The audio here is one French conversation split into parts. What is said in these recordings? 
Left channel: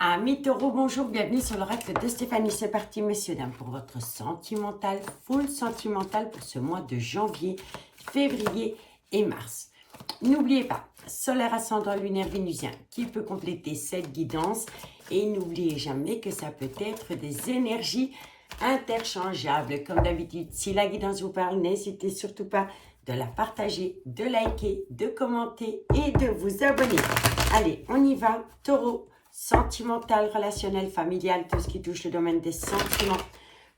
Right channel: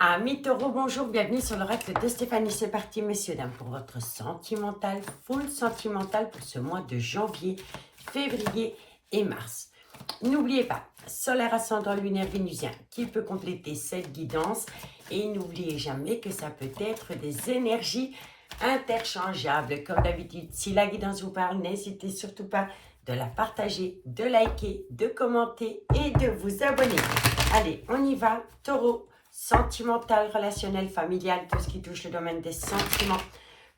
Amis taureaux, bonjour, bienvenue sur l'oracle de Stéphanie. C'est parti, messieurs, dames, pour votre sentimental, full sentimental pour ce mois de janvier, février et mars. N'oubliez pas, solaire, ascendant, lunaire, vénusien, qui peut compléter cette guidance. Et n'oubliez jamais que ça peut être des énergies interchangeables. Comme d'habitude, si la guidance vous parle, n'hésitez surtout pas de la partager, de liker, de commenter et de vous abonner. Allez, on y va, taureau. Sentimental, relationnel, familial, tout ce qui touche le domaine des sentiments.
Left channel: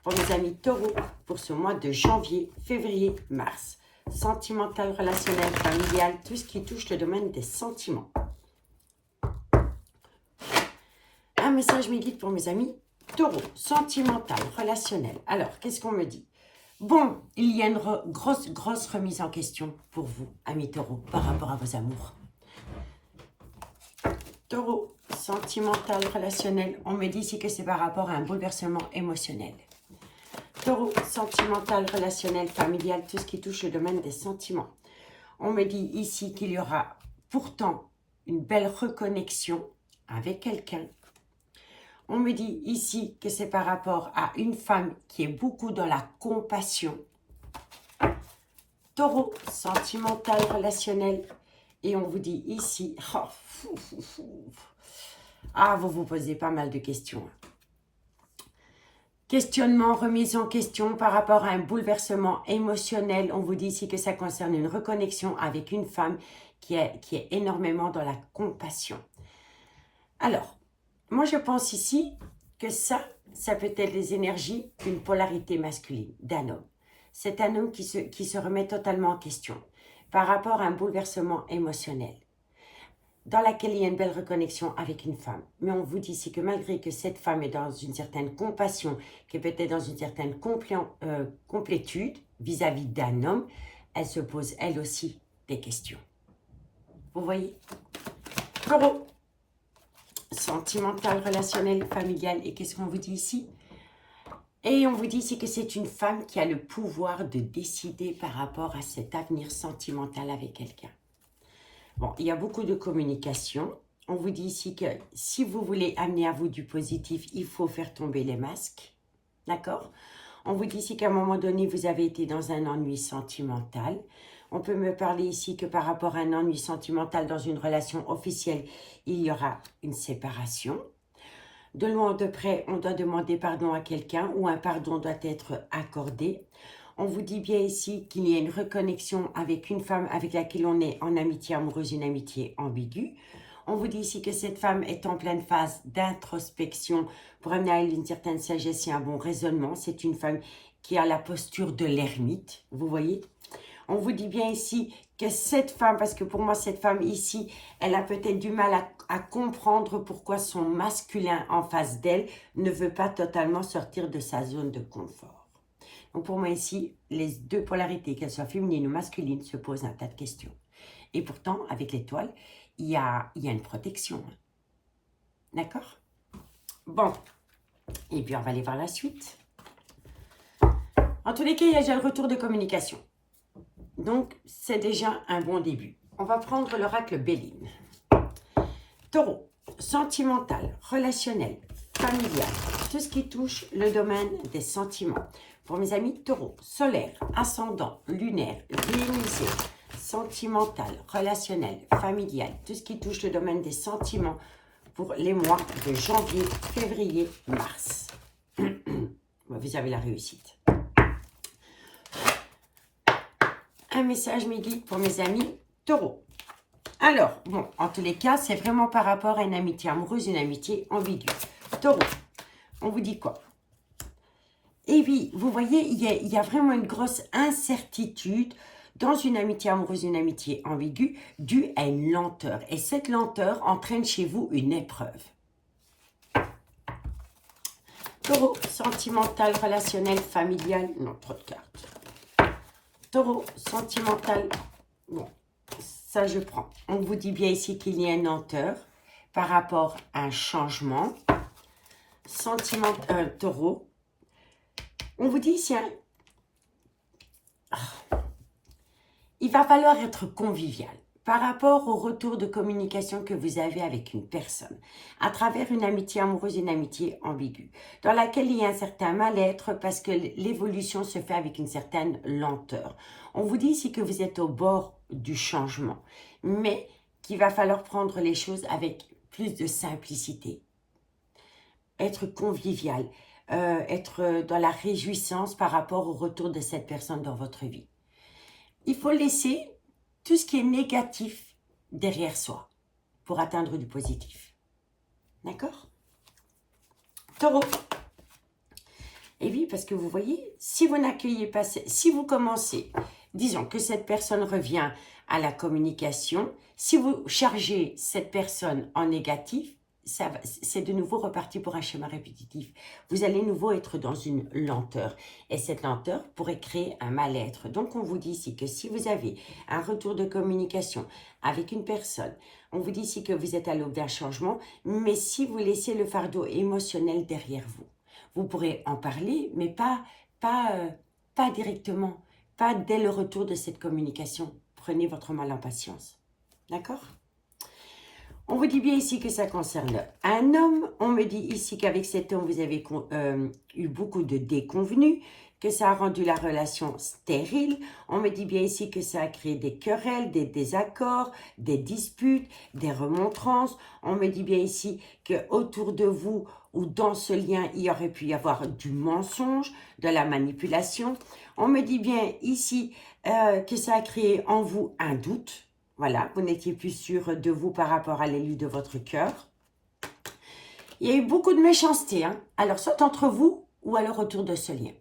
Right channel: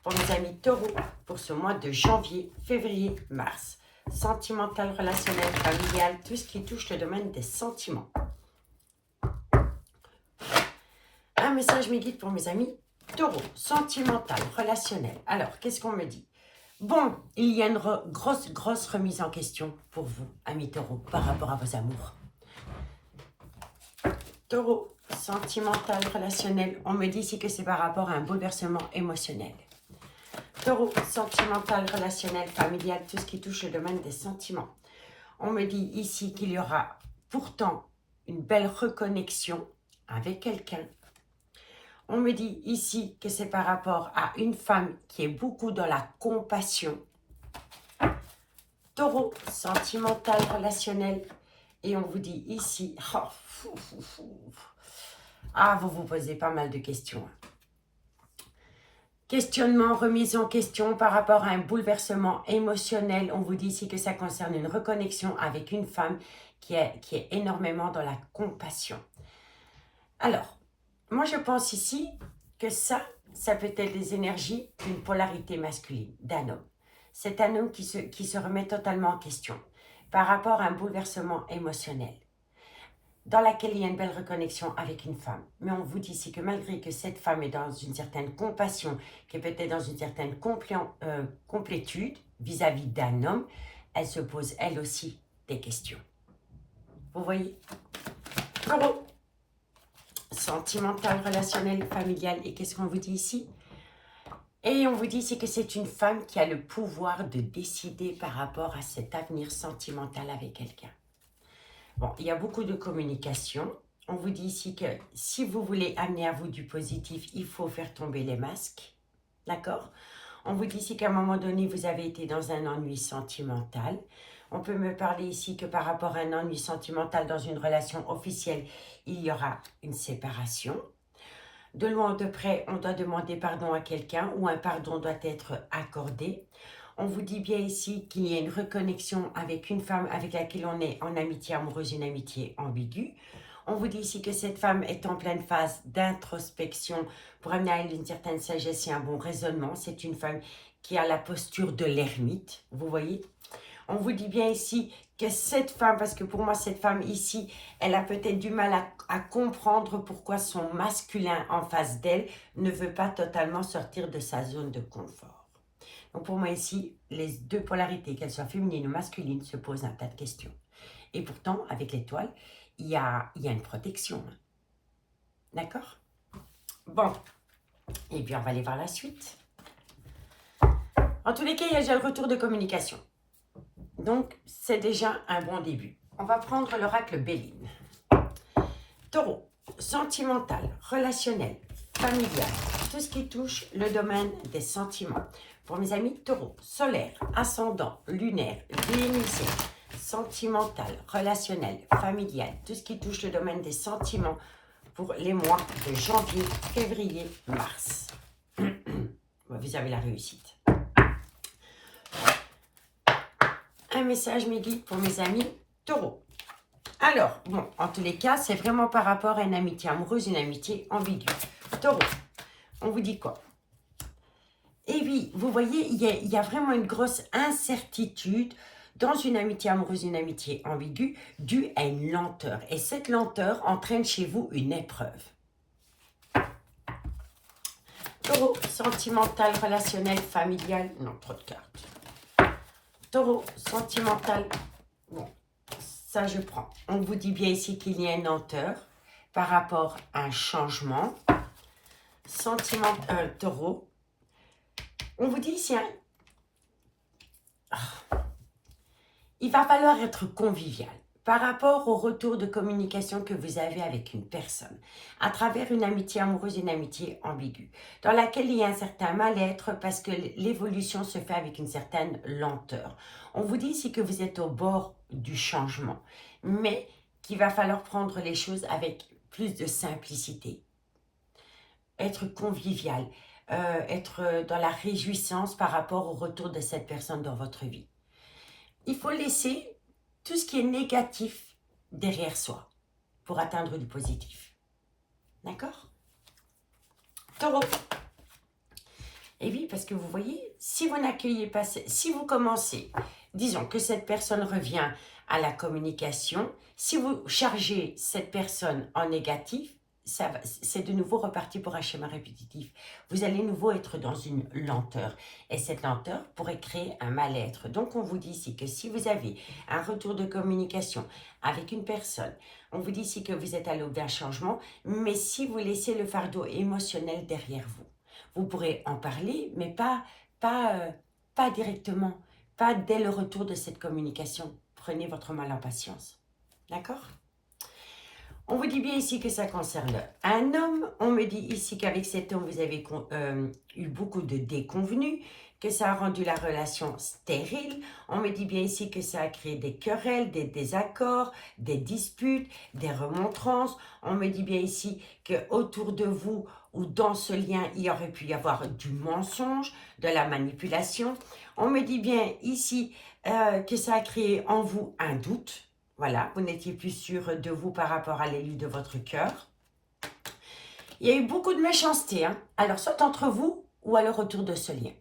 Pour mes amis taureaux, pour ce mois de janvier, février, mars. Sentimental, relationnel, familial, tout ce qui touche le domaine des sentiments. Un message me guide pour mes amis taureaux. Sentimental, relationnel. Alors, qu'est-ce qu'on me dit? Bon, il y a une grosse remise en question pour vous, amis taureaux, par rapport à vos amours. Taureau, sentimental, relationnel, on me dit ici que c'est par rapport à un bouleversement émotionnel. Taureau, sentimental, relationnel, familial, tout ce qui touche le domaine des sentiments. On me dit ici qu'il y aura pourtant une belle reconnexion avec quelqu'un. On me dit ici que c'est par rapport à une femme qui est beaucoup dans la compassion. Taureau, sentimental, relationnel, et on vous dit ici, vous vous posez pas mal de questions. Questionnement, remise en question par rapport à un bouleversement émotionnel. On vous dit ici que ça concerne une reconnexion avec une femme qui est énormément dans la compassion. Alors, moi je pense ici que ça peut être les énergies d'une polarité masculine, d'un homme. C'est un homme qui se remet totalement en question par rapport à un bouleversement émotionnel, dans laquelle il y a une belle reconnexion avec une femme. Mais on vous dit ici que malgré que cette femme est dans une certaine compassion, qui est peut-être dans une certaine complétude vis-à-vis d'un homme, elle se pose elle aussi des questions. Vous voyez? Taureau, sentimental, relationnel, familial. Et qu'est-ce qu'on vous dit ici? Et on vous dit ici que c'est une femme qui a le pouvoir de décider par rapport à cet avenir sentimental avec quelqu'un. Bon, il y a beaucoup de communication. On vous dit ici que si vous voulez amener à vous du positif, il faut faire tomber les masques. D'accord? On vous dit ici qu'à un moment donné, vous avez été dans un ennui sentimental. On peut me parler ici que par rapport à un ennui sentimental dans une relation officielle, il y aura une séparation. De loin ou de près, on doit demander pardon à quelqu'un ou un pardon doit être accordé. On vous dit bien ici qu'il y a une reconnexion avec une femme avec laquelle on est en amitié amoureuse, une amitié ambiguë. On vous dit ici que cette femme est en pleine phase d'introspection pour amener à elle une certaine sagesse et un bon raisonnement. C'est une femme qui a la posture de l'ermite, vous voyez. On vous dit bien ici que cette femme, parce que pour moi cette femme ici, elle a peut-être du mal à comprendre pourquoi son masculin en face d'elle ne veut pas totalement sortir de sa zone de confort. Donc pour moi ici, les deux polarités, qu'elles soient féminines ou masculines, se posent un tas de questions. Et pourtant, avec l'étoile, il y a une protection. D'accord? Bon, et puis on va aller voir la suite. En tous les cas, il y a déjà le retour de communication. Donc, c'est déjà un bon début. On va prendre l'oracle Béline. Taureau, sentimental, relationnel, familial, tout ce qui touche le domaine des sentiments. Pour mes amis taureaux, solaire, ascendant, lunaire, vénusien, sentimental, relationnel, familial, tout ce qui touche le domaine des sentiments pour les mois de janvier, février, mars. Vous avez la réussite. Un message me guide pour mes amis taureaux. Alors, bon, en tous les cas, c'est vraiment par rapport à une amitié amoureuse, une amitié ambiguë. Taureau, on vous dit quoi? Et oui, vous voyez, il y a vraiment une grosse incertitude dans une amitié amoureuse, une amitié ambiguë, due à une lenteur. Et cette lenteur entraîne chez vous une épreuve. Taureau, sentimental, relationnel, familial, non, trop de cartes. Taureau, sentimental, bon, ça je prends. On vous dit bien ici qu'il y a une lenteur par rapport à un changement. Sentimental, taureau, on vous dit ici, il va falloir être convivial. par rapport au retour de communication que vous avez avec une personne, à travers une amitié amoureuse, une amitié ambiguë, dans laquelle il y a un certain mal-être parce que l'évolution se fait avec une certaine lenteur. On vous dit ici que vous êtes au bord du changement, mais qu'il va falloir prendre les choses avec plus de simplicité, être convivial, être dans la réjouissance par rapport au retour de cette personne dans votre vie. Il faut laisser tout ce qui est négatif derrière soi pour atteindre du positif. D'accord? Taureau. Et oui, parce que vous voyez, si vous n'accueillez pas, si vous commencez, disons que cette personne revient à la communication, si vous chargez cette personne en négatif, c'est de nouveau reparti pour un schéma répétitif. Vous allez de nouveau être dans une lenteur. Et cette lenteur pourrait créer un mal-être. Donc, on vous dit ici que si vous avez un retour de communication avec une personne, on vous dit ici que vous êtes à l'aube d'un changement, mais si vous laissez le fardeau émotionnel derrière vous, vous pourrez en parler, mais pas directement, pas dès le retour de cette communication. Prenez votre mal en patience. D'accord? On vous dit bien ici que ça concerne un homme. On me dit ici qu'avec cet homme, vous avez eu beaucoup de déconvenues, que ça a rendu la relation stérile. On me dit bien ici que ça a créé des querelles, des désaccords, des disputes, des remontrances. On me dit bien ici qu'autour de vous ou dans ce lien, il y aurait pu y avoir du mensonge, de la manipulation. On me dit bien ici que ça a créé en vous un doute. Voilà, vous n'étiez plus sûr de vous par rapport à l'élu de votre cœur. Il y a eu beaucoup de méchanceté, hein? Alors, soit entre vous ou à le retour de ce lien.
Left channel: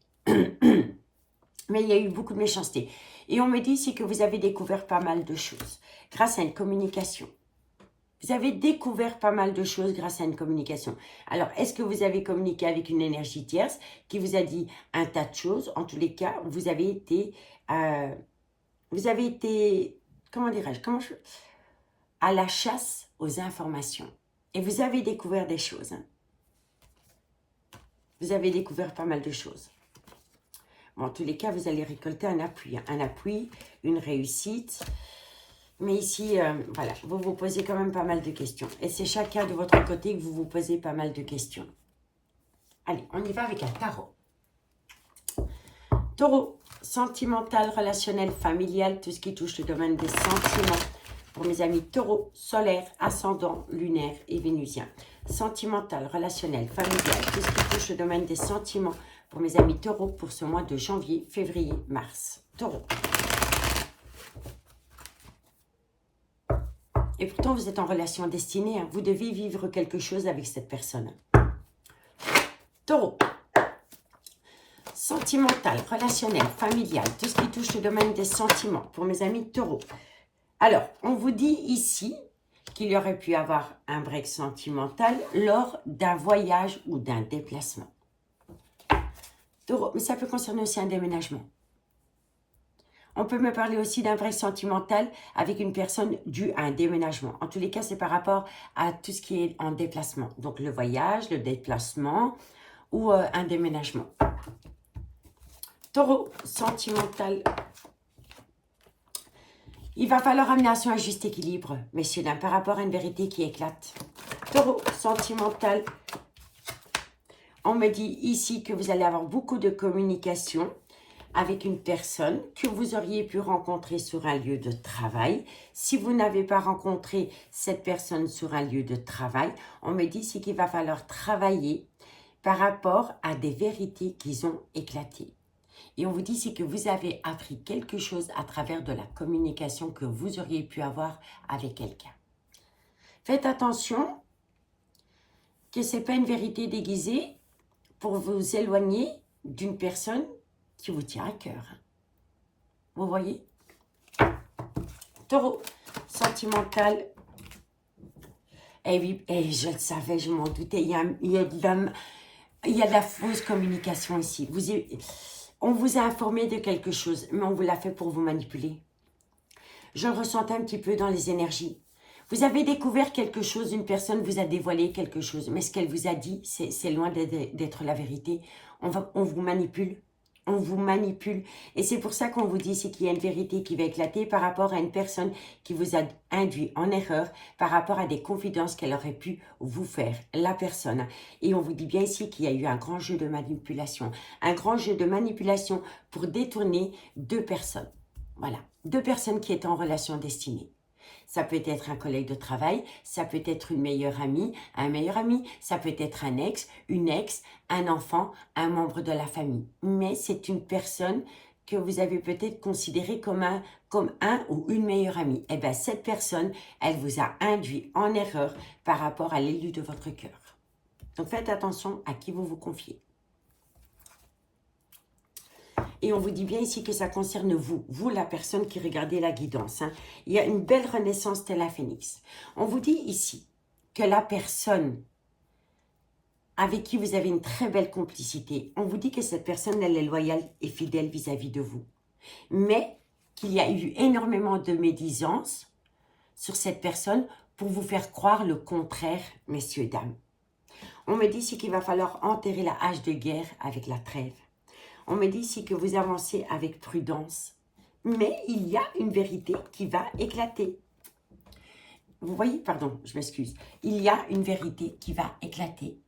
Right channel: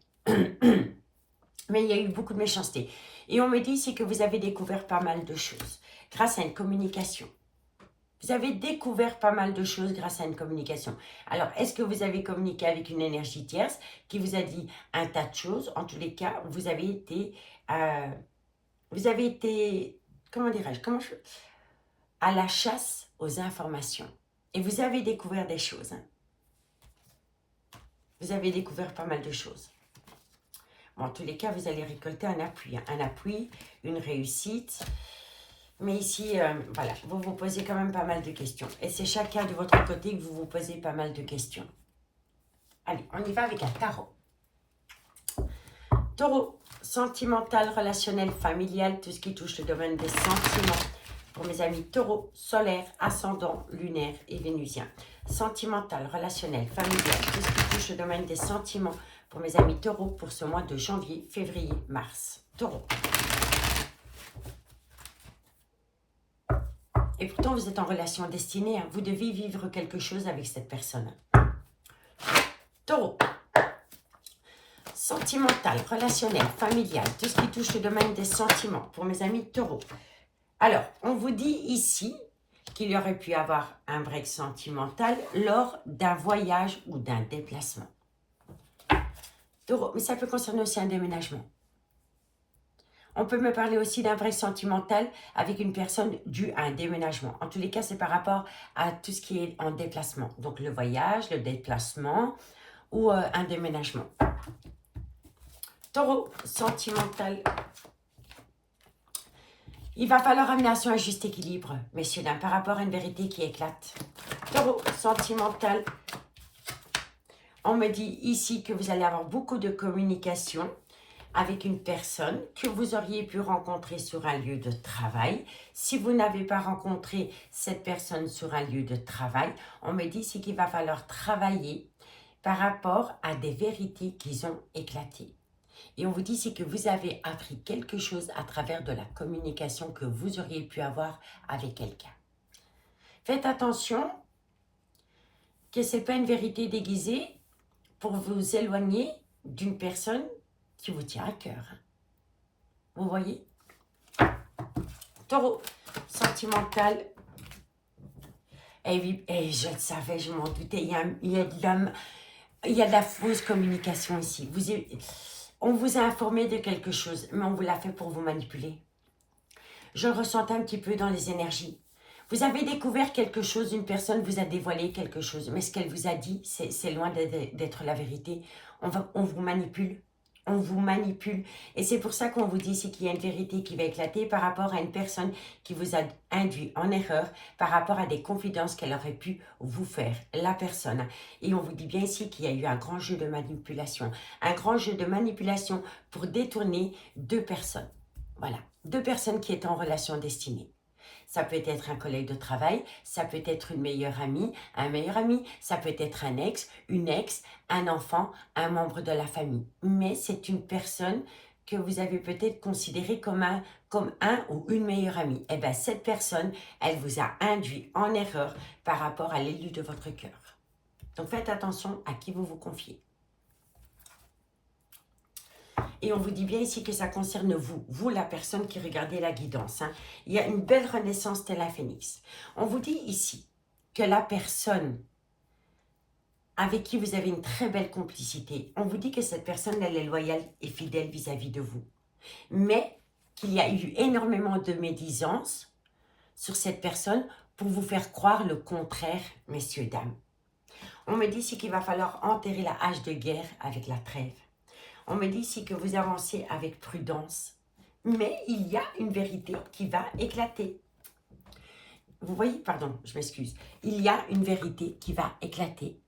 Mais il y a eu beaucoup de méchanceté. Et on me dit ici que vous avez découvert pas mal de choses grâce à une communication. Vous avez découvert pas mal de choses grâce à une communication. Alors, est-ce que vous avez communiqué avec une énergie tierce qui vous a dit un tas de choses? En tous les cas, vous avez été comment dirais-je, à la chasse aux informations. Et vous avez découvert des choses. Hein. Vous avez découvert pas mal de choses. Bon, en tous les cas, vous allez récolter un appui. Hein. Un appui, une réussite. Mais ici, voilà, vous vous posez quand même pas mal de questions. Et c'est chacun de votre côté que vous vous posez pas mal de questions. Allez, on y va avec un tarot. Taureau, sentimental, relationnel, familial, tout ce qui touche le domaine des sentiments. Pour mes amis taureau, solaire, ascendant, lunaire et vénusien. Sentimental, relationnel, familial, tout ce qui touche le domaine des sentiments. Pour mes amis taureau, pour ce mois de janvier, février, mars. Taureau. Et pourtant, vous êtes en relation destinée. Hein. Vous devez vivre quelque chose avec cette personne. Taureau. Sentimental, relationnel, familial, tout ce qui touche le domaine des sentiments. Pour mes amis taureaux. Alors, on vous dit ici qu'il y aurait pu avoir un break sentimental lors d'un voyage ou d'un déplacement. Taureau, mais ça peut concerner aussi un déménagement. On peut me parler aussi d'un break sentimental avec une personne due à un déménagement. En tous les cas, c'est par rapport à tout ce qui est en déplacement. Donc, le voyage, le déplacement ou un déménagement. Taureau, sentimental. Il va falloir amener à un juste équilibre, messieurs, dames, par rapport à une vérité qui éclate. Taureau, sentimental. On me dit ici que vous allez avoir beaucoup de communication avec une personne que vous auriez pu rencontrer sur un lieu de travail. Si vous n'avez pas rencontré cette personne sur un lieu de travail, on me dit ici qu'il va falloir travailler par rapport à des vérités qui ont éclaté. Et on vous dit ici que vous avez appris quelque chose à travers de la communication que vous auriez pu avoir avec quelqu'un. Faites attention que ce n'est pas une vérité déguisée pour vous éloigner d'une personne qui vous tient à cœur. Vous voyez? Taureau, sentimental. Eh oui, je le savais, je m'en doutais. Il y a de la fausse communication ici. On vous a informé de quelque chose, mais on vous l'a fait pour vous manipuler. Je le ressentais un petit peu dans les énergies. Vous avez découvert quelque chose, une personne vous a dévoilé quelque chose, mais ce qu'elle vous a dit, c'est loin d'être la vérité. On vous manipule, On vous manipule. Et c'est pour ça qu'on vous dit qu'il y a une vérité qui va éclater par rapport à une personne qui vous a induit en erreur, par rapport à des confidences qu'elle aurait pu vous faire, la personne. Et on vous dit bien ici qu'il y a eu un grand jeu de manipulation. Un grand jeu de manipulation pour détourner deux personnes. Voilà, deux personnes qui étaient en relation destinée. Ça peut être un collègue de travail, ça peut être une meilleure amie, un meilleur ami, ça peut être un ex, une ex, un enfant, un membre de la famille. Mais c'est une personne que vous avez peut-être considérée comme un ou une meilleure amie. Eh bien, cette personne, elle vous a induit en erreur par rapport à l'élu de votre cœur. Donc, faites attention à qui vous vous confiez. Et on vous dit bien ici que ça concerne vous, la personne qui regardez la guidance. Hein. Il y a une belle renaissance telle la phénix. On vous dit ici que la personne avec qui vous avez une très belle complicité, on vous dit que cette personne, elle est loyale et fidèle vis-à-vis de vous. Mais qu'il y a eu énormément de médisance sur cette personne pour vous faire croire le contraire, messieurs, dames. On me dit ici qu'il va falloir enterrer la hache de guerre avec la trêve. On me dit ici que vous avancez avec prudence, mais il y a une vérité qui va éclater. Vous voyez, pardon, je m'excuse. Il y a une vérité qui va éclater.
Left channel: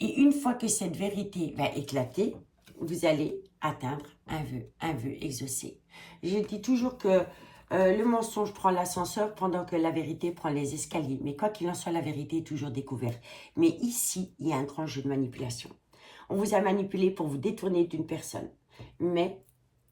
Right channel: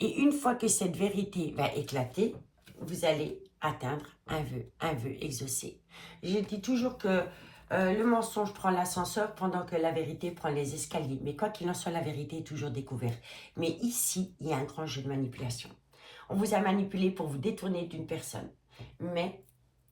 Et une fois que cette vérité va éclater, vous allez atteindre un vœu exaucé. Je dis toujours que le mensonge prend l'ascenseur pendant que la vérité prend les escaliers. Mais quoi qu'il en soit, la vérité est toujours découverte. Mais ici, il y a un grand jeu de manipulation. On vous a manipulé pour vous détourner d'une personne. Mais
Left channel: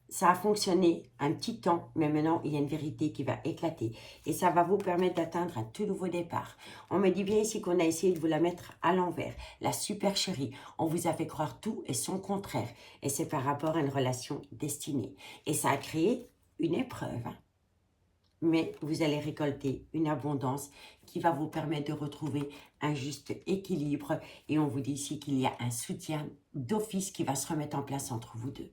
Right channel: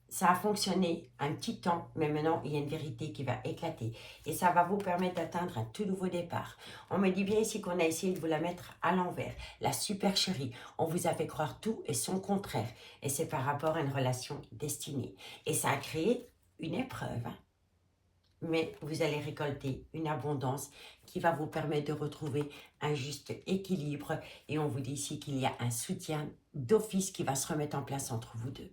ça a fonctionné un petit temps, mais maintenant, il y a une vérité qui va éclater. Et ça va vous permettre d'atteindre un tout nouveau départ. On me dit bien ici qu'on a essayé de vous la mettre à l'envers. La super chérie, on vous a fait croire tout et son contraire. Et c'est par rapport à une relation destinée. Et ça a créé une épreuve. Hein. Mais vous allez récolter une abondance qui va vous permettre de retrouver un juste équilibre. Et on vous dit ici qu'il y a un soutien d'office qui va se remettre en place entre vous deux.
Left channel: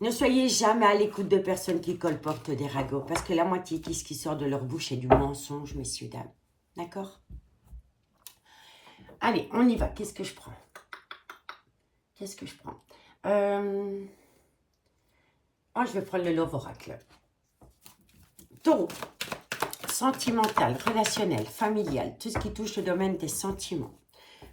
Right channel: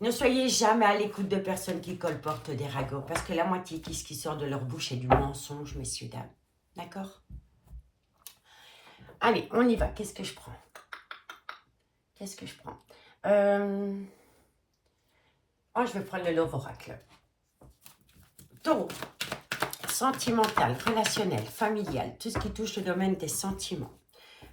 Ne soyez jamais à l'écoute de personnes qui colportent des ragots, parce que la moitié de ce qui sort de leur bouche est du mensonge, messieurs, dames. D'accord? Allez, on y va. Qu'est-ce que je prends? Qu'est-ce que je prends? Oh, je vais prendre le Love Oracle. Taureau. Sentimental, relationnel, familial, tout ce qui touche le domaine des sentiments.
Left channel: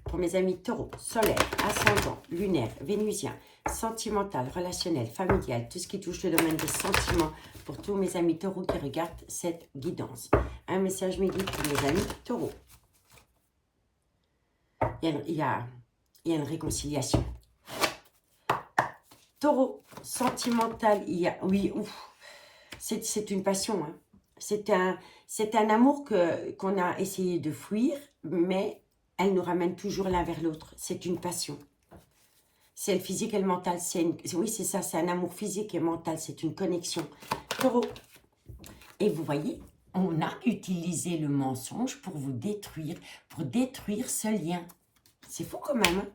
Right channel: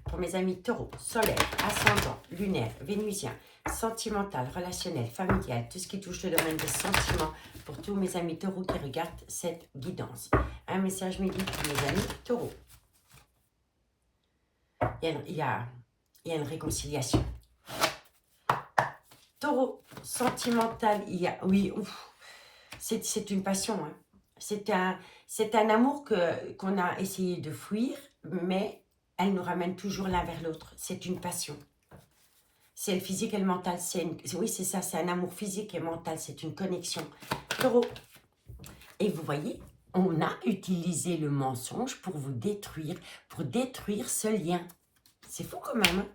Pour mes amis taureau, solaire, ascendant, lunaire, vénusien, sentimental, relationnel, familial, tout ce qui touche le domaine des sentiments. Pour tous mes amis taureaux qui regardent cette guidance. Un message me dit pour mes amis taureaux. Il y a une réconciliation. Taureau, sentimental, il y a... Oui, c'est une passion. Hein. C'est un amour qu'on a essayé de fuir, mais elle nous ramène toujours l'un vers l'autre. C'est une passion. C'est le physique et le mental. Oui, c'est ça, c'est un amour physique et mental. C'est une connexion. Taureau. Et vous voyez, on a utilisé le mensonge pour vous détruire, pour détruire ce lien. C'est fou quand même. Hein?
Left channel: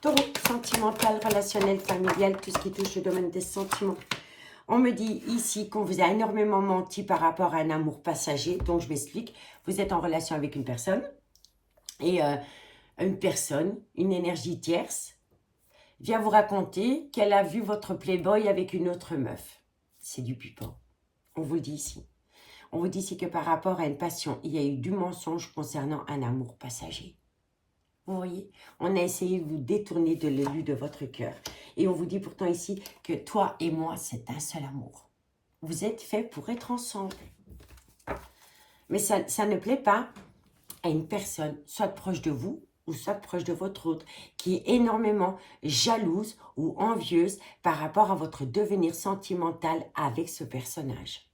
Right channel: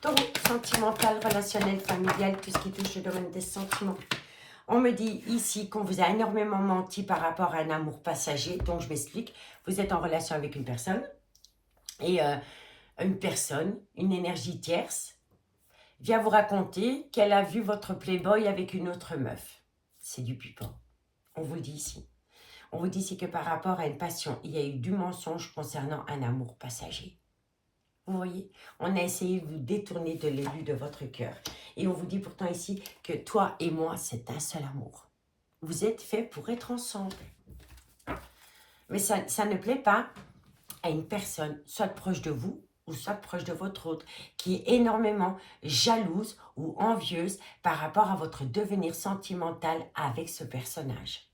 Taureau, sentimental, relationnel, familial, tout ce qui touche le domaine des sentiments. On me dit ici qu'on vous a énormément menti par rapport à un amour passager. Donc, je m'explique. Vous êtes en relation avec une personne. Et une personne, une énergie tierce, vient vous raconter qu'elle a vu votre playboy avec une autre meuf. C'est du pupon. On vous le dit ici. On vous dit ici que par rapport à une passion, il y a eu du mensonge concernant un amour passager. Vous voyez, on a essayé de vous détourner de l'élu de votre cœur. Et on vous dit pourtant ici que toi et moi, c'est un seul amour. Vous êtes faits pour être ensemble. Mais ça ne plaît pas à une personne, soit proche de vous, ou soit proche de votre autre, qui est énormément jalouse ou envieuse par rapport à votre devenir sentimental avec ce personnage.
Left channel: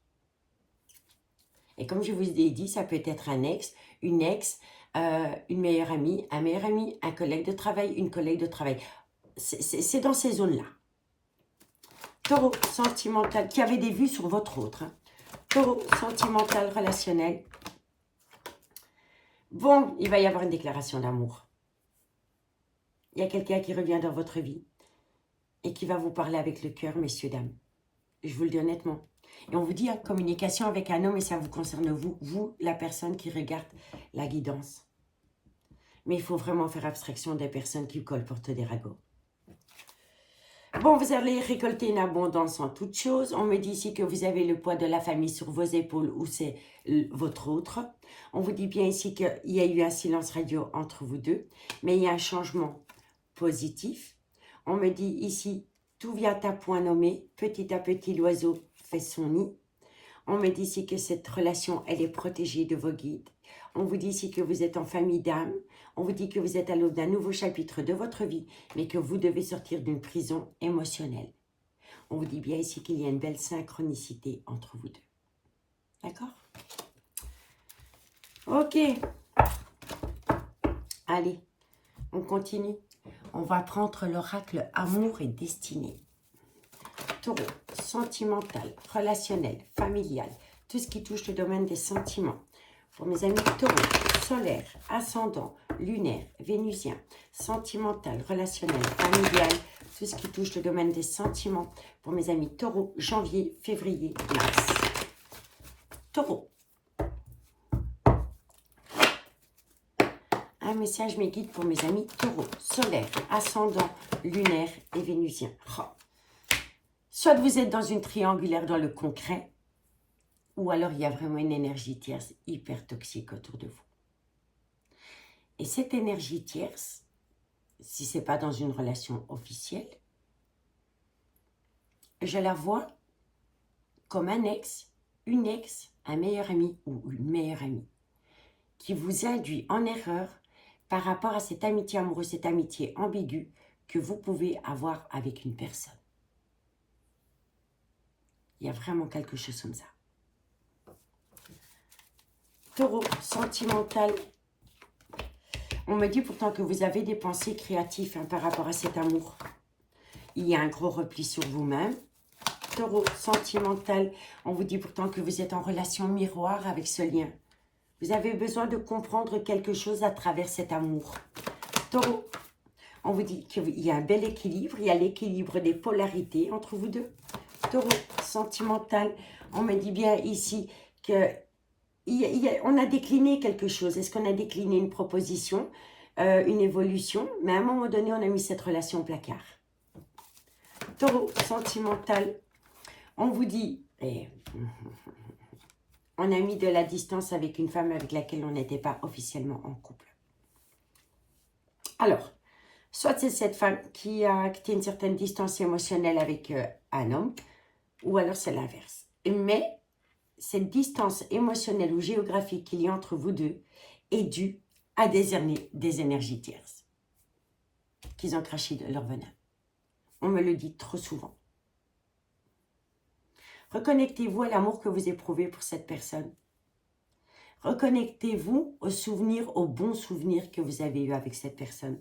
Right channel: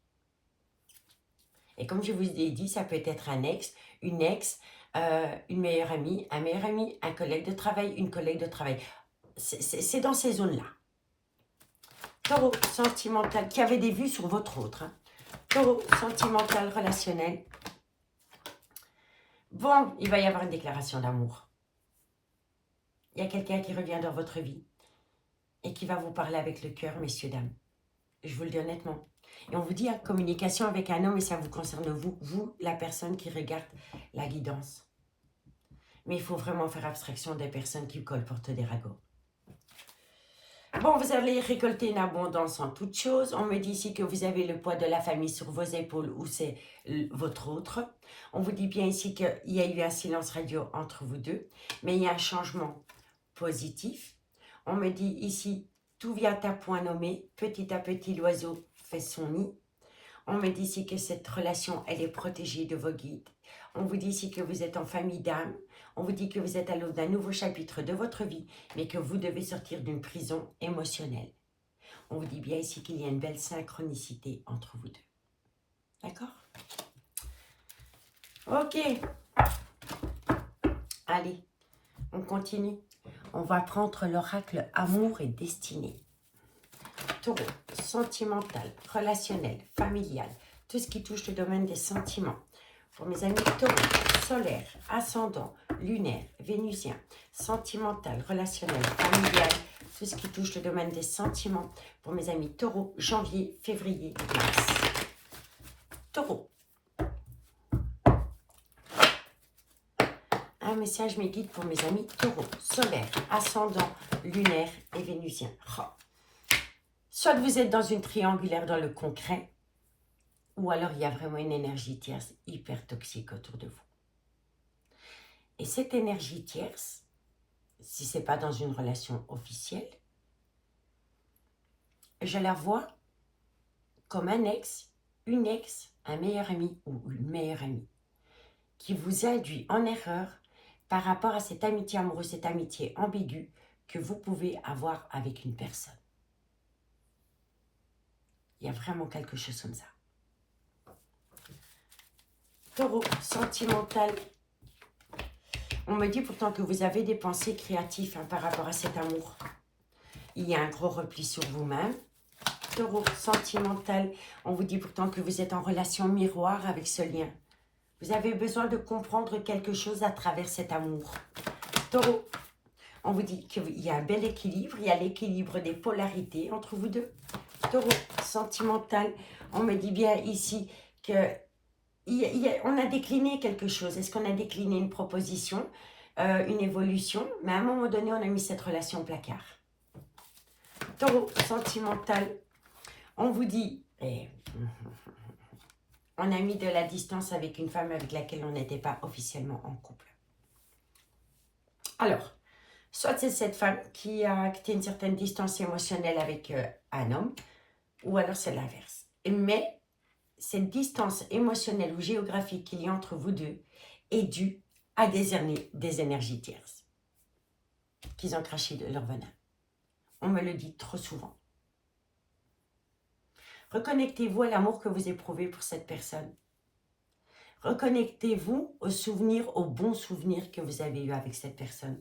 Et comme je vous ai dit, ça peut être un ex, une meilleure amie, un meilleur ami, un collègue de travail, une collègue de travail. C'est dans ces zones-là. Taureau, sentimental, qui avait des vues sur votre autre. Hein. Taureau, sentimental, relationnel. Bon, il va y avoir une déclaration d'amour. Il y a quelqu'un qui revient dans votre vie et qui va vous parler avec le cœur, messieurs, dames. Je vous le dis honnêtement. Et on vous dit, hein, communication avec un homme, et ça vous concerne vous, la personne qui regarde la guidance. Mais il faut vraiment faire abstraction des personnes qui colportent des ragots. Bon, vous allez récolter une abondance en toutes choses. On me dit ici que vous avez le poids de la famille sur vos épaules ou c'est votre autre. On vous dit bien ici qu'il y a eu un silence radio entre vous deux, mais il y a un changement positif. On me dit ici, tout vient à point nommé. Petit à petit, l'oiseau fait son nid. On me dit ici que cette relation, elle est protégée de vos guides. On vous dit ici que vous êtes en famille d'âme. On vous dit que vous êtes à l'aube d'un nouveau chapitre de votre vie, mais que vous devez sortir d'une prison émotionnelle. On vous dit bien ici qu'il y a une belle synchronicité entre vous deux. D'accord? Ok. Allez, on continue. On va prendre l'oracle amour et destinée. Taureau, sentimental, relationnel, familial, tout ce qui touche le domaine des sentiments. Pour mes amis taureaux, solaire, ascendant, lunaire, vénusien, sentimental, relationnel, familial, tout ce qui touche le domaine des sentiments. Pour mes amis taureaux, janvier, février, mars. Taureau. Un message mes guides pour mes amis taureaux, solaire, ascendant, lunaire et vénusien. Oh. Soit vous êtes dans une triangulaire dans le concret, ou alors il y a vraiment une énergie tierce hyper toxique autour de vous. Et cette énergie tierce, si ce n'est pas dans une relation officielle, je la vois comme un ex, une ex, un meilleur ami ou une meilleure amie qui vous induit en erreur par rapport à cette amitié amoureuse, cette amitié ambiguë que vous pouvez avoir avec une personne. Il y a vraiment quelque chose comme ça. Taureau, sentimental. On me dit pourtant que vous avez des pensées créatives par rapport à cet amour. Il y a un gros repli sur vous-même. Taureau, sentimental. On vous dit pourtant que vous êtes en relation miroir avec ce lien. Vous avez besoin de comprendre quelque chose à travers cet amour. Taureau, on vous dit qu'il y a un bel équilibre. Il y a l'équilibre des polarités entre vous deux. Taureau, sentimental. On me dit bien ici que on a décliné quelque chose. Est-ce qu'on a décliné une proposition, une évolution? Mais à un moment donné, on a mis cette relation au placard. Taureau, sentimental. On vous dit, on a mis de la distance avec une femme avec laquelle on n'était pas officiellement en couple. Alors, soit c'est cette femme qui a acté une certaine distance émotionnelle avec un homme, ou alors c'est l'inverse. Mais cette distance émotionnelle ou géographique qu'il y a entre vous deux est due à des énergies tierces qu'ils ont craché de leur venin. On me le dit trop souvent. Reconnectez-vous à l'amour que vous éprouvez pour cette personne. Reconnectez-vous aux souvenirs, aux bons souvenirs que vous avez eus avec cette personne.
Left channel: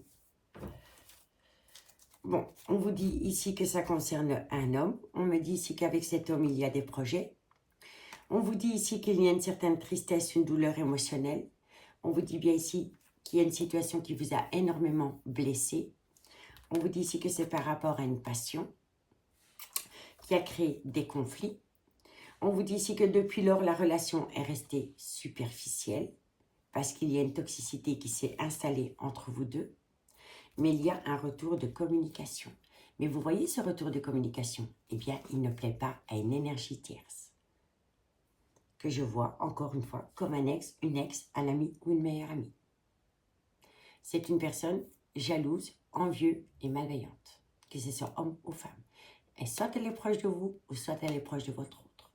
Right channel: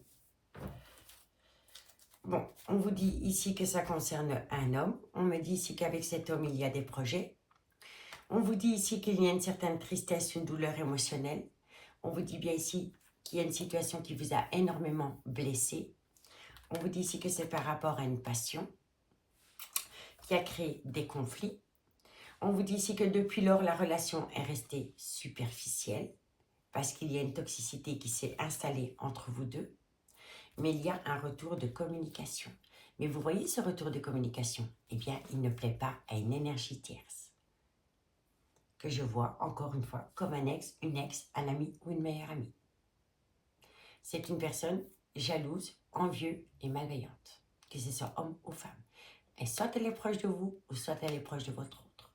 Bon, on vous dit ici que ça concerne un homme. On me dit ici qu'avec cet homme, il y a des projets. On vous dit ici qu'il y a une certaine tristesse, une douleur émotionnelle. On vous dit bien ici qu'il y a une situation qui vous a énormément blessé. On vous dit ici que c'est par rapport à une passion qui a créé des conflits. On vous dit ici que depuis lors, la relation est restée superficielle parce qu'il y a une toxicité qui s'est installée entre vous deux. Mais il y a un retour de communication. Mais vous voyez ce retour de communication? Eh bien, il ne plaît pas à une énergie tierce que je vois, encore une fois, comme un ex, une ex, un ami ou une meilleure amie. C'est une personne jalouse, envieuse et malveillante, que ce soit homme ou femme. Et soit elle est proche de vous, ou soit elle est proche de votre autre.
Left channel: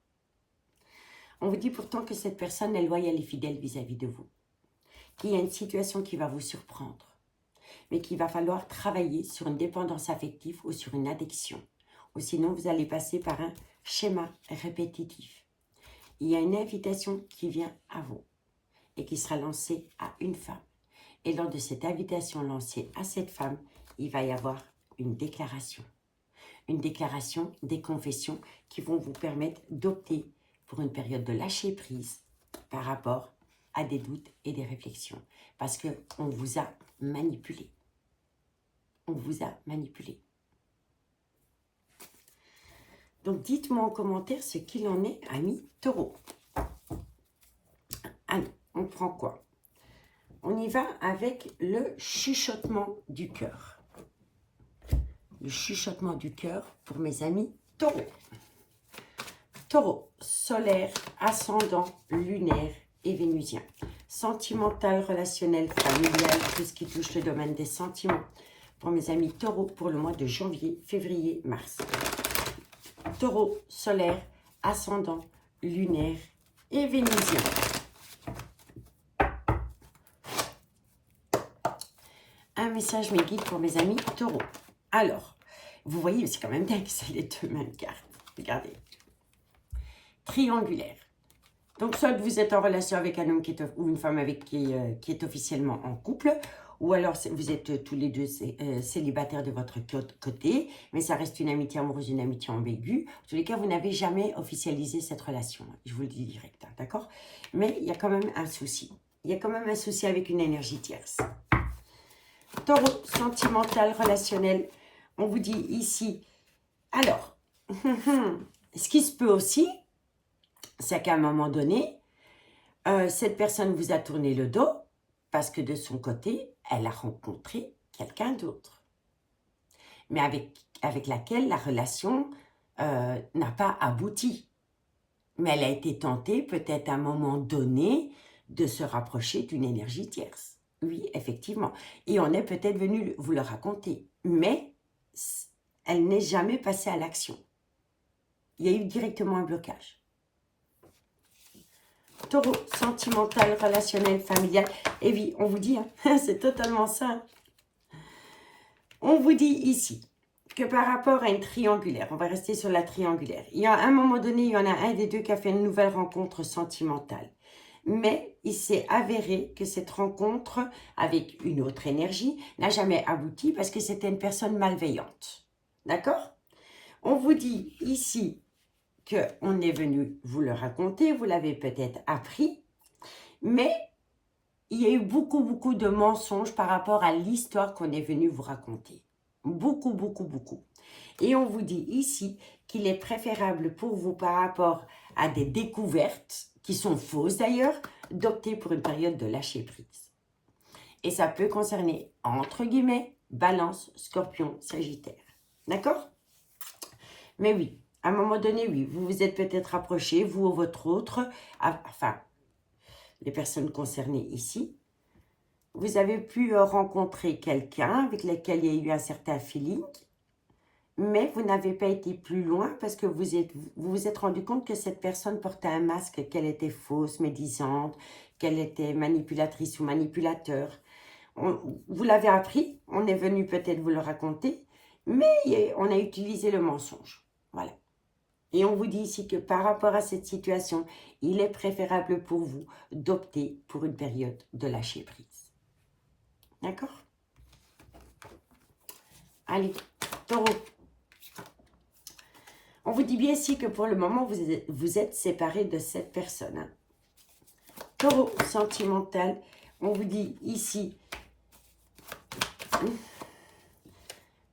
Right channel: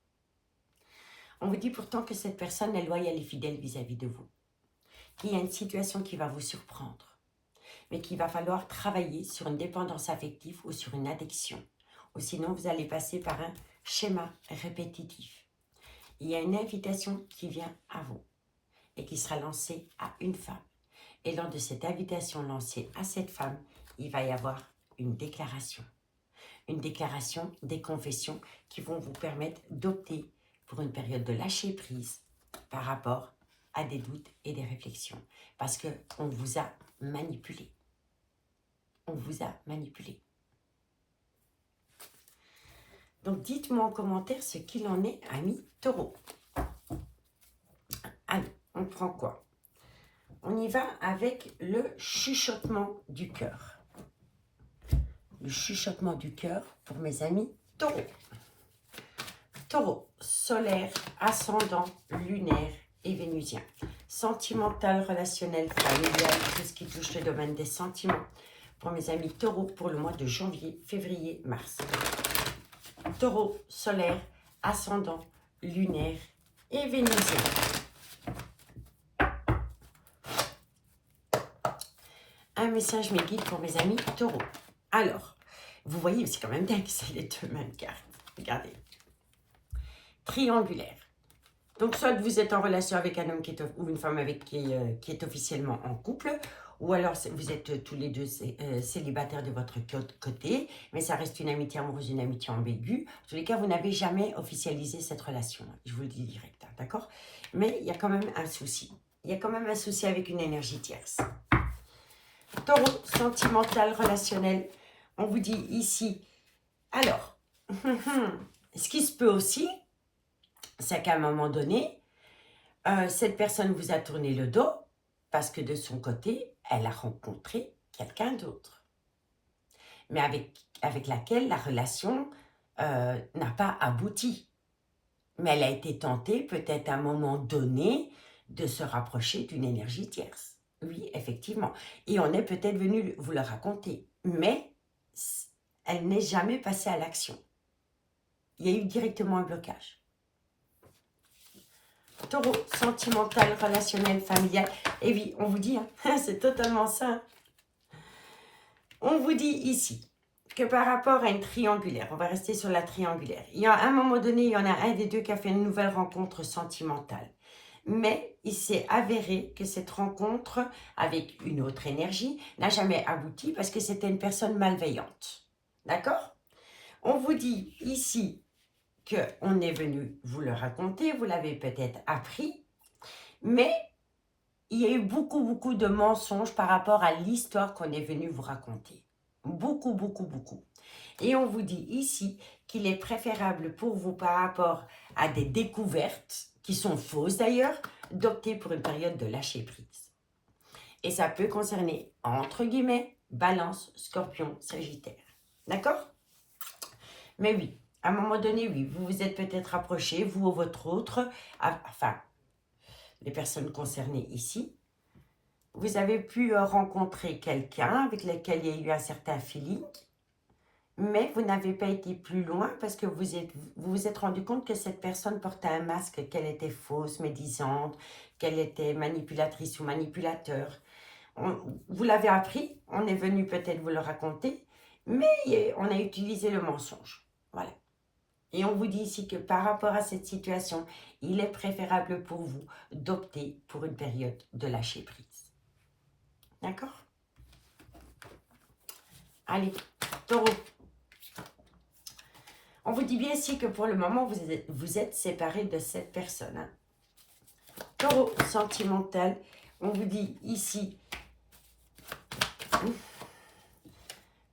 On vous dit pourtant que cette personne est loyale et fidèle vis-à-vis de vous. Qu'il y a une situation qui va vous surprendre, mais qu'il va falloir travailler sur une dépendance affective ou sur une addiction. Ou sinon, vous allez passer par un schéma répétitif. Il y a une invitation qui vient à vous et qui sera lancée à une femme. Et lors de cette invitation lancée à cette femme, il va y avoir une déclaration. Une déclaration, des confessions qui vont vous permettre d'opter pour une période de lâcher prise par rapport à des doutes et des réflexions. Parce qu'on vous a manipulé. On vous a manipulé. Donc, dites-moi en commentaire ce qu'il en est, amis taureaux. Allez, on prend quoi? On y va avec le chuchotement du cœur. le chuchotement du cœur pour mes amis taureaux. Taureau, solaire, ascendant, lunaire et vénusien. Sentimental, relationnel, familial, tout ce qui touche le domaine des sentiments. Pour mes amis taureaux, pour le mois de janvier, février, mars. Taureau, solaire, ascendant, lunaire et vénusien. Un message me guide pour mes amis taureaux. Alors, vous voyez, c'est quand même dingue, c'est les deux mêmes cartes. Regardez. Triangulaire. Donc, soit vous êtes en relation avec un homme ou une femme avec qui est officiellement en couple, ou alors vous êtes tous les deux célibataires de votre côté, mais ça reste une amitié amoureuse, une amitié ambiguë. En tous les cas, vous n'avez jamais officialisé cette relation. Je vous le dis direct, hein, d'accord? Mais il y a quand même un souci. Il y a quand même un souci avec une énergie tierce. Taureau, sentimental, relationnel. On vous dit ici, alors, ce qui se peut aussi, c'est qu'à un moment donné, cette personne vous a tourné le dos parce que de son côté, elle a rencontré quelqu'un d'autre, mais avec laquelle la relation n'a pas abouti. Mais elle a été tentée peut-être à un moment donné de se rapprocher d'une énergie tierce. Oui, effectivement. Et on est peut-être venu vous le raconter, mais elle n'est jamais passée à l'action. Il y a eu directement un blocage. Taureau, sentimental, relationnel, familial. Et oui, on vous dit, hein, c'est totalement ça. On vous dit ici que par rapport à une triangulaire, on va rester sur la triangulaire. Il y a à un moment donné, il y en a un des deux qui a fait une nouvelle rencontre sentimentale. Mais il s'est avéré que cette rencontre avec une autre énergie n'a jamais abouti parce que c'était une personne malveillante. D'accord? On vous dit ici qu'on est venu vous le raconter, vous l'avez peut-être appris, mais il y a eu beaucoup de mensonges par rapport à l'histoire qu'on est venu vous raconter. Beaucoup. Et on vous dit ici qu'il est préférable pour vous par rapport à des découvertes, qui sont fausses d'ailleurs, d'opter pour une période de lâcher prise. Et ça peut concerner, entre guillemets, Balance, Scorpion, Sagittaire. D'accord? Mais oui, à un moment donné, oui, vous vous êtes peut-être rapprochés, vous ou votre autre, enfin, les personnes concernées ici, vous avez pu rencontrer quelqu'un avec lequel il y a eu un certain feeling, mais vous n'avez pas été plus loin parce que vous vous êtes rendu compte que cette personne portait un masque, qu'elle était fausse, médisante, qu'elle était manipulatrice ou manipulateur. Vous l'avez appris, on est venu peut-être vous le raconter, mais on a utilisé le mensonge. Voilà. Et on vous dit ici que par rapport à cette situation, il est préférable pour vous d'opter pour une période de lâcher prise. D'accord? Allez, taureau. On vous dit bien ici que pour le moment, vous êtes séparés de cette personne. Hein. Taureau, sentimental. On vous dit ici,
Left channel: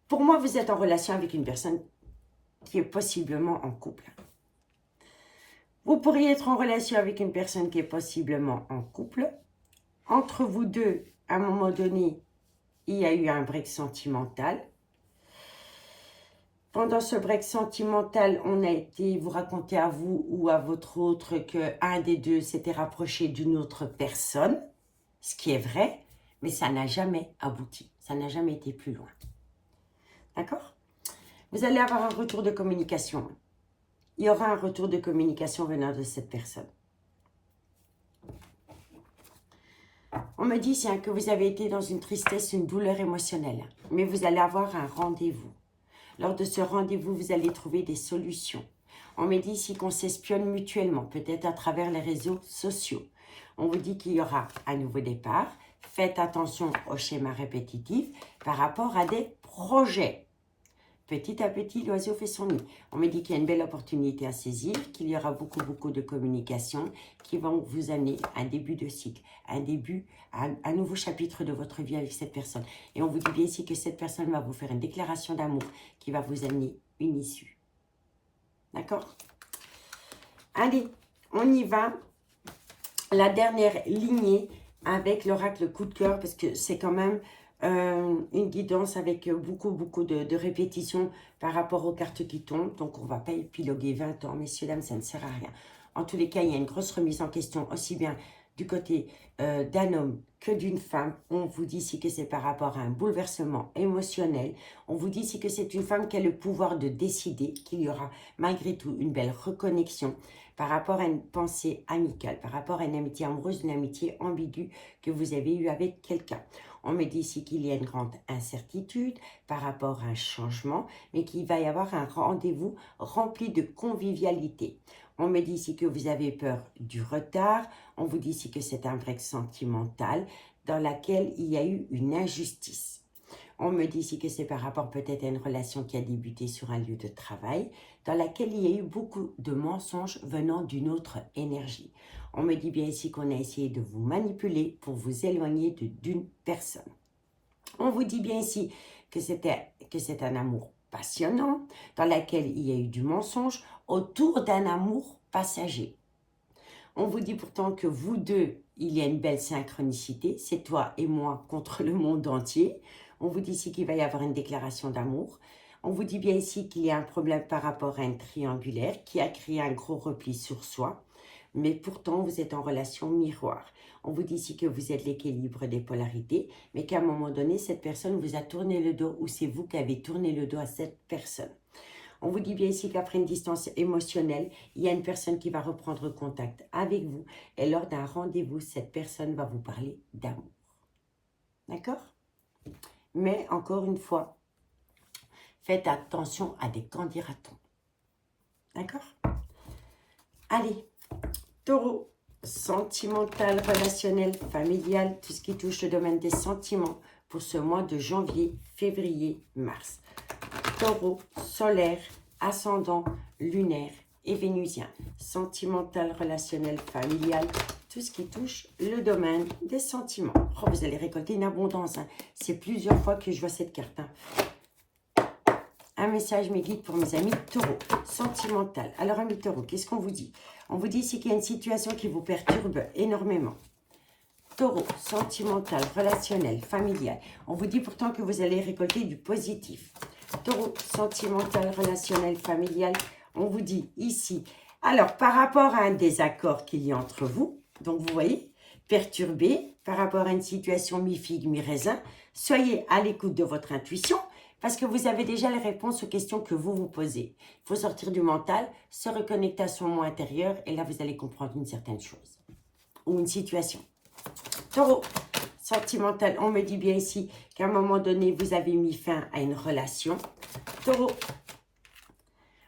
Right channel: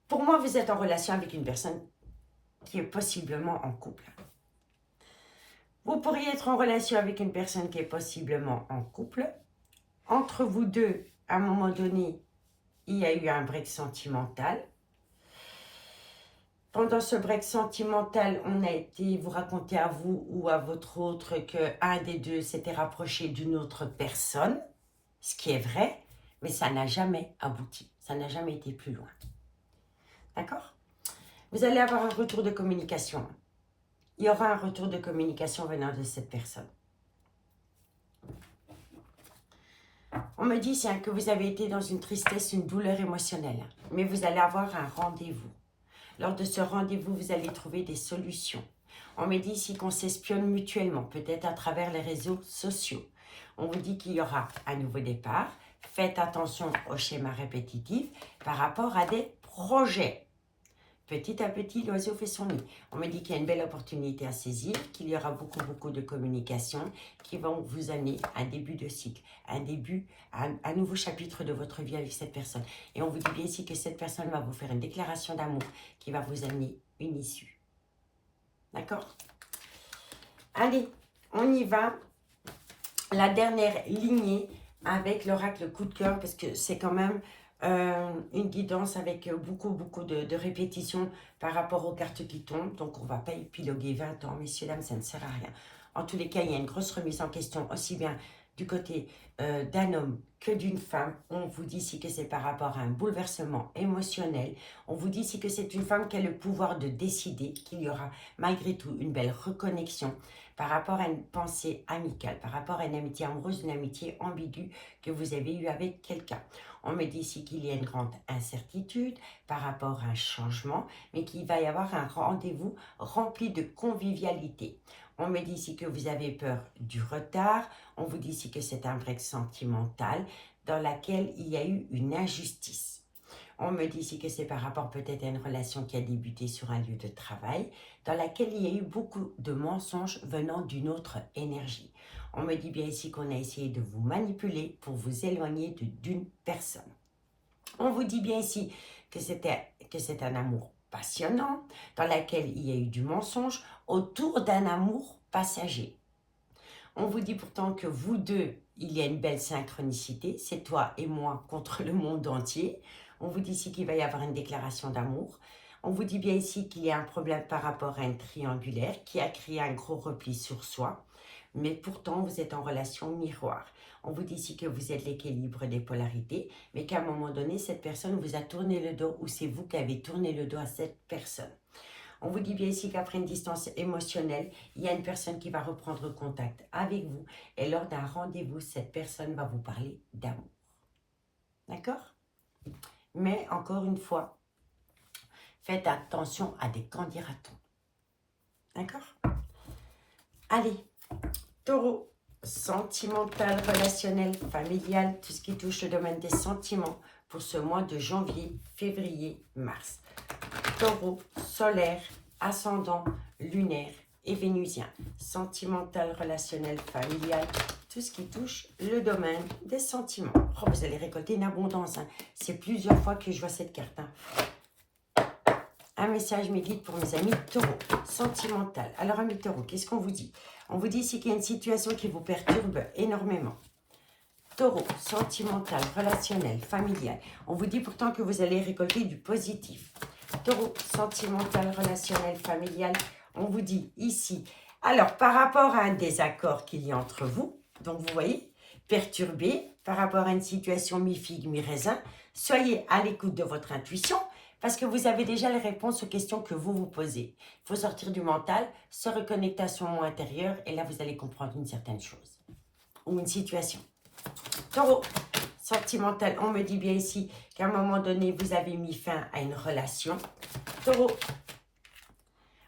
pour moi, vous êtes en relation avec une personne qui est possiblement en couple. Vous pourriez être en relation avec une personne qui est possiblement en couple. Entre vous deux, à un moment donné, il y a eu un break sentimental. Pendant ce break sentimental, on a été vous raconter à vous ou à votre autre qu'un des deux s'était rapproché d'une autre personne, ce qui est vrai, mais ça n'a jamais abouti. Ça n'a jamais été plus loin. D'accord? Vous allez avoir un retour de communication. Il y aura un retour de communication venant de cette personne. On me dit que vous avez été dans une tristesse, une douleur émotionnelle, mais vous allez avoir un rendez-vous. Lors de ce rendez-vous, vous allez trouver des solutions. On me dit ici qu'on s'espionne mutuellement, peut-être à travers les réseaux sociaux. On vous dit qu'il y aura un nouveau départ. Faites attention au schéma répétitif par rapport à des projets. Petit à petit, l'oiseau fait son nid. On me dit qu'il y a une belle opportunité à saisir, qu'il y aura beaucoup de communication qui vont vous amener à un début de cycle, un nouveau chapitre de votre vie avec cette personne. Et on vous dit bien ici que cette personne va vous faire une déclaration d'amour qui va vous amener une issue. D'accord? Allez, on y va. La dernière lignée avec l'oracle coup de cœur, parce que c'est quand même une guidance avec beaucoup de répétitions par rapport aux cartes qui tombent. Donc, on ne va pas épiloguer 20 ans, messieurs, dames, ça ne sert à rien. En tous les cas, il y a une grosse remise en question, aussi bien du côté d'un homme que d'une femme. On vous dit ici que c'est par rapport à un bouleversement émotionnel. On vous dit ici que c'est une femme qui a le pouvoir de décider, qu'il y aura malgré tout une belle reconnexion par rapport à une pensée amicale, par rapport à une amitié amoureuse, une amitié ambiguë que vous avez eue avec quelqu'un. On me dit ici qu'il y a une grande incertitude par rapport à un changement, mais qu'il va y avoir un rendez-vous rempli de convivialité. On me dit ici que vous avez peur du retard. On vous dit ici que c'est un break sentimental dans lequel il y a eu une injustice. On me dit ici que c'est par rapport peut-être à une relation qui a débuté sur un lieu de travail, dans laquelle il y a eu beaucoup de mensonges venant d'une autre énergie. On me dit bien ici qu'on a essayé de vous manipuler pour vous éloigner d'une personne. On vous dit bien ici que c'est un amour passionnant, dans lequel il y a eu du mensonge, autour d'un amour passager. On vous dit pourtant que vous deux, il y a une belle synchronicité, c'est toi et moi contre le monde entier. On vous dit ici qu'il va y avoir une déclaration d'amour. On vous dit bien ici qu'il y a un problème par rapport à un triangulaire qui a créé un gros repli sur soi. Mais pourtant, vous êtes en relation miroir. On vous dit ici que vous êtes l'équilibre des polarités, mais qu'à un moment donné, cette personne vous a tourné le dos ou c'est vous qui avez tourné le dos à cette personne. On vous dit bien ici qu'après une distance émotionnelle, il y a une personne qui va reprendre contact avec vous et lors d'un rendez-vous, cette personne va vous parler d'amour. D'accord? Mais encore une fois, faites attention à des qu'en dira-t-on. D'accord? Allez, Taureau, sentimental, relationnel, familial, tout ce qui touche le domaine des sentiments pour ce mois de janvier, février, mars. Taureau, solaire, ascendant, lunaire et vénusien. Sentimental, relationnel, familial, tout ce qui touche le domaine des sentiments. Oh, vous allez récolter une abondance. Hein. C'est plusieurs fois que je vois cette carte. Hein. Un message, mes guides pour mes amis taureaux. Sentimental. Alors, amis taureaux, qu'est-ce qu'on vous dit? On vous dit ici qu'il y a une situation qui vous perturbe énormément. Taureau, sentimental, relationnel, familial. On vous dit pourtant que vous allez récolter du positif. Taureau, sentimental, relationnel, familial. On vous dit ici, alors par rapport à un désaccord qu'il y a entre vous, donc vous voyez, perturbé par rapport à une situation mi-figue, mi-raisin, soyez à l'écoute de votre intuition parce que vous avez déjà les réponses aux questions que vous vous posez. Il faut sortir du mental, se reconnecter à son moi intérieur et là vous allez comprendre une certaine chose ou une situation. Taureau, sentimental, on me dit bien ici qu'à un moment donné, vous avez mis fin à une relation. Taureau,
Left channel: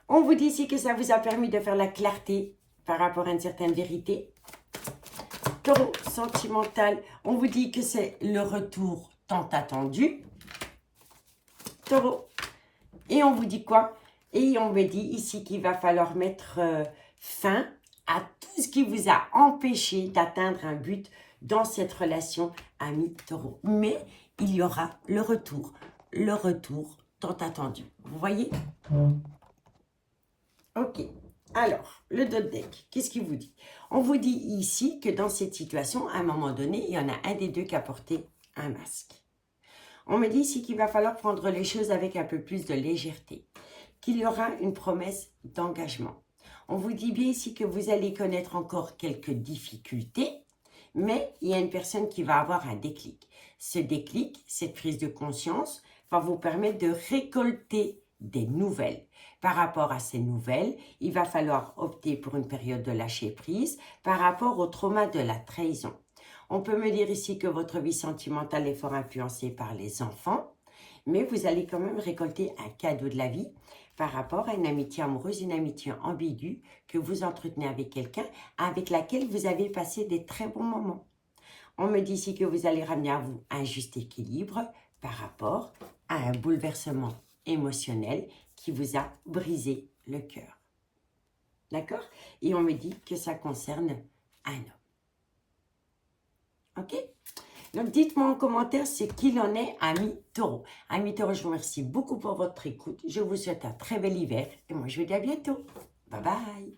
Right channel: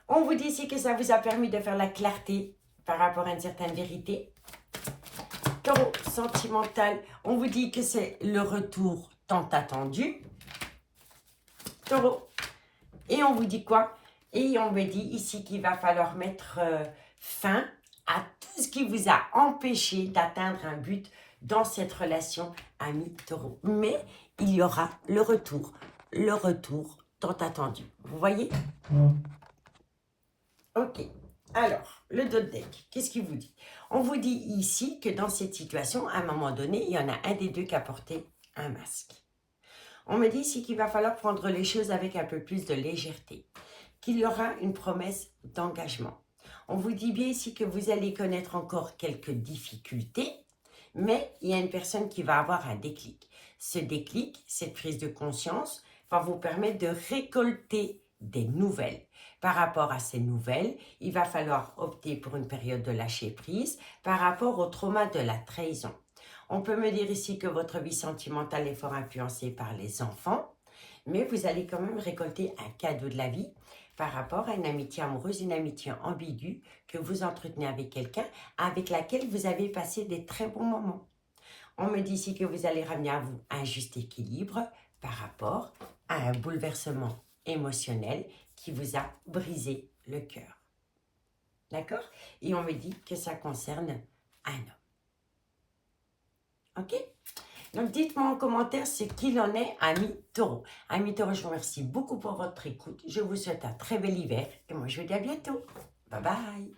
on vous dit ici que ça vous a permis de faire la clarté par rapport à une certaine vérité. Taureau, sentimental, on vous dit que c'est le retour tant attendu. Taureau, et on vous dit quoi? Et on me dit ici qu'il va falloir mettre fin à tout ce qui vous a empêché d'atteindre un but dans cette relation ami taureau. Mais il y aura le retour tant attendu. Vous voyez? Ok. Alors, le dos de deck, qu'est-ce qu'il vous dit? On vous dit ici que dans cette situation, à un moment donné, il y en a un des deux qui a porté un masque. On me dit ici qu'il va falloir prendre les choses avec un peu plus de légèreté, qu'il y aura une promesse d'engagement. On vous dit bien ici que vous allez connaître encore quelques difficultés, mais il y a une personne qui va avoir un déclic. Ce déclic, cette prise de conscience, va vous permettre de récolter des nouvelles. Par rapport à ces nouvelles, il va falloir opter pour une période de lâcher prise par rapport au trauma de la trahison. On peut me dire ici que votre vie sentimentale est fort influencée par les enfants, mais vous allez quand même récolter un cadeau de la vie par rapport à une amitié amoureuse, une amitié ambiguë que vous entretenez avec quelqu'un avec laquelle vous avez passé des très bons moments. On me dit ici que vous allez ramener à vous un juste équilibre par rapport à un bouleversement émotionnel qui vous a brisé le cœur. D'accord? Et on me dit que ça concerne un homme. Ok? Donc, dites-moi en commentaire ce qu'il en est, amis taureaux. Amis taureaux, je vous remercie beaucoup pour votre écoute. Je vous souhaite un très bel hiver et moi, je vous dis à bientôt. Bye bye!